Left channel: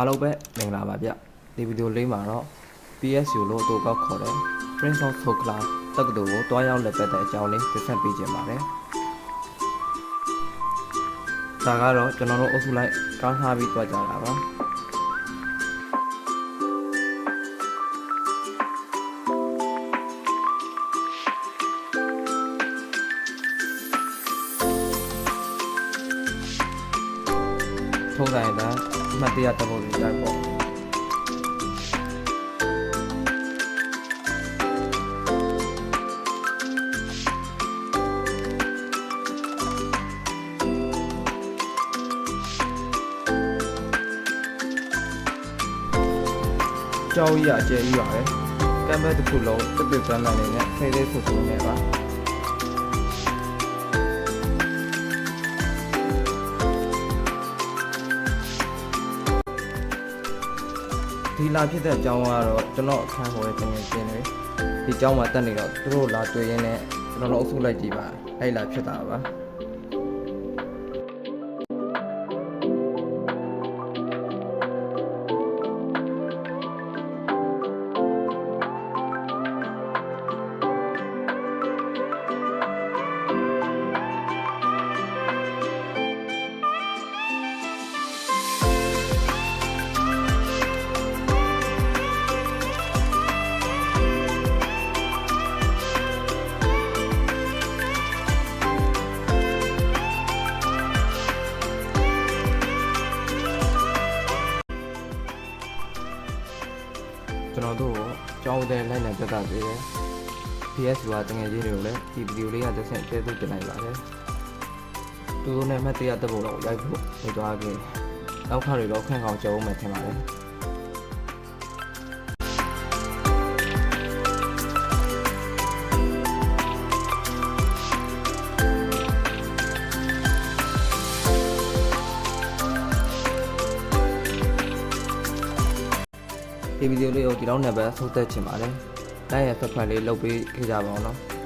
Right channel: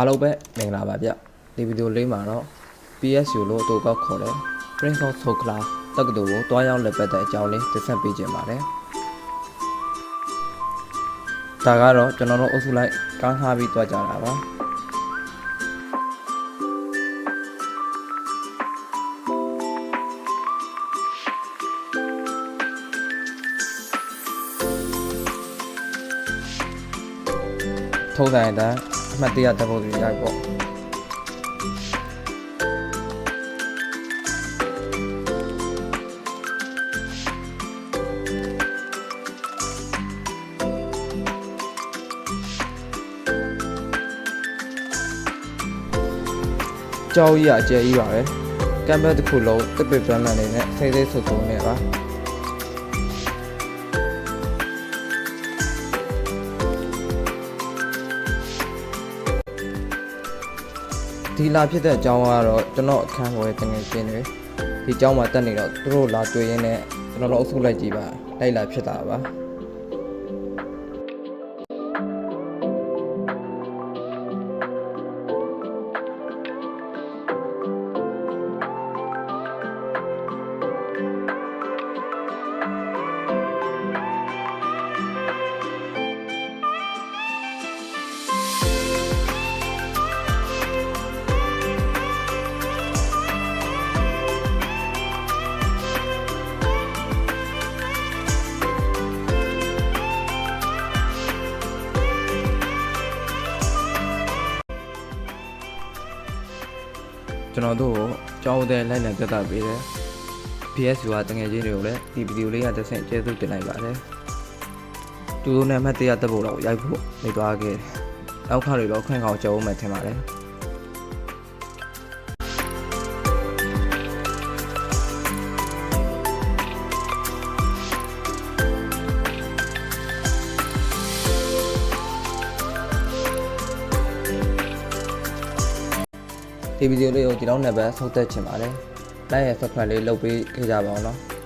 အားလုံးပဲမင်္ဂလာပါဗျဒီဗီဒီယိုလေးမှာတော့ PSU လို့အတူကောက်ခေါ်တဲ့ Prince of Sokla တက္ကသိုလ်ကိုတွားရောက်လက်ပတ်တဲ့အကြောင်းလေးတင်ဆက်ပေးခြင်းပါတယ်ဒါကတော့ကျွန်တော်တို့အုပ်စုလိုက်ကားထားပြီးတွားကြတာပါထုံးတိုင်းတဲ့အမှတ်တရတပုတ်ကြီးရိုက်ပေါ့ကြောက်ရအကျယ်ကြီးပါပဲကမ်ဘက်တစ်ခုလုံးတစ်ပစ်ပန်းလာနေတဲ့စိတ်လေးဆုပ်ဆုပ်နေပါဒီလာဖြစ်တဲ့အကြောင်းကတော့ကျွန်တော်အခန်းပေါ်ရဲ့တငယ်ချင်းတွေဒီအကြောင်းမှာတက်နေတော့သူတို့လာတွေ့ရင်းနဲ့ကျွန်တော်တို့အုပ်စုလိုက်ကြည့်ပါလိုက်လာဖြစ်တာပါကျွန်တော်တို့ကြောင်းတဲ့လိုက်လံပြသပေးတယ် PSU ကတငယ်ချင်းတွေကိုလည်းဒီဗီဒီယိုလေးကတစ်ဆင့်ကျေးဇူးတင်လိုက်ပါတယ်သူတို့နဲ့မှတ်တရတက်ဖို့တော့ရိုက်ဖို့နေသွားခဲ့အောက်ခါတွေတော့ခန့်ခေါင်ကြုံမှထင်ပါတယ်ဒီဗီဒီယိုလေးကိုဒီလောက်နဲ့ပဲဆုံးသက်ချင်ပါတယ်။ like ရဲ့ subscribe လေးလုပ်ပေးခဲ့ကြပါဦးနော်။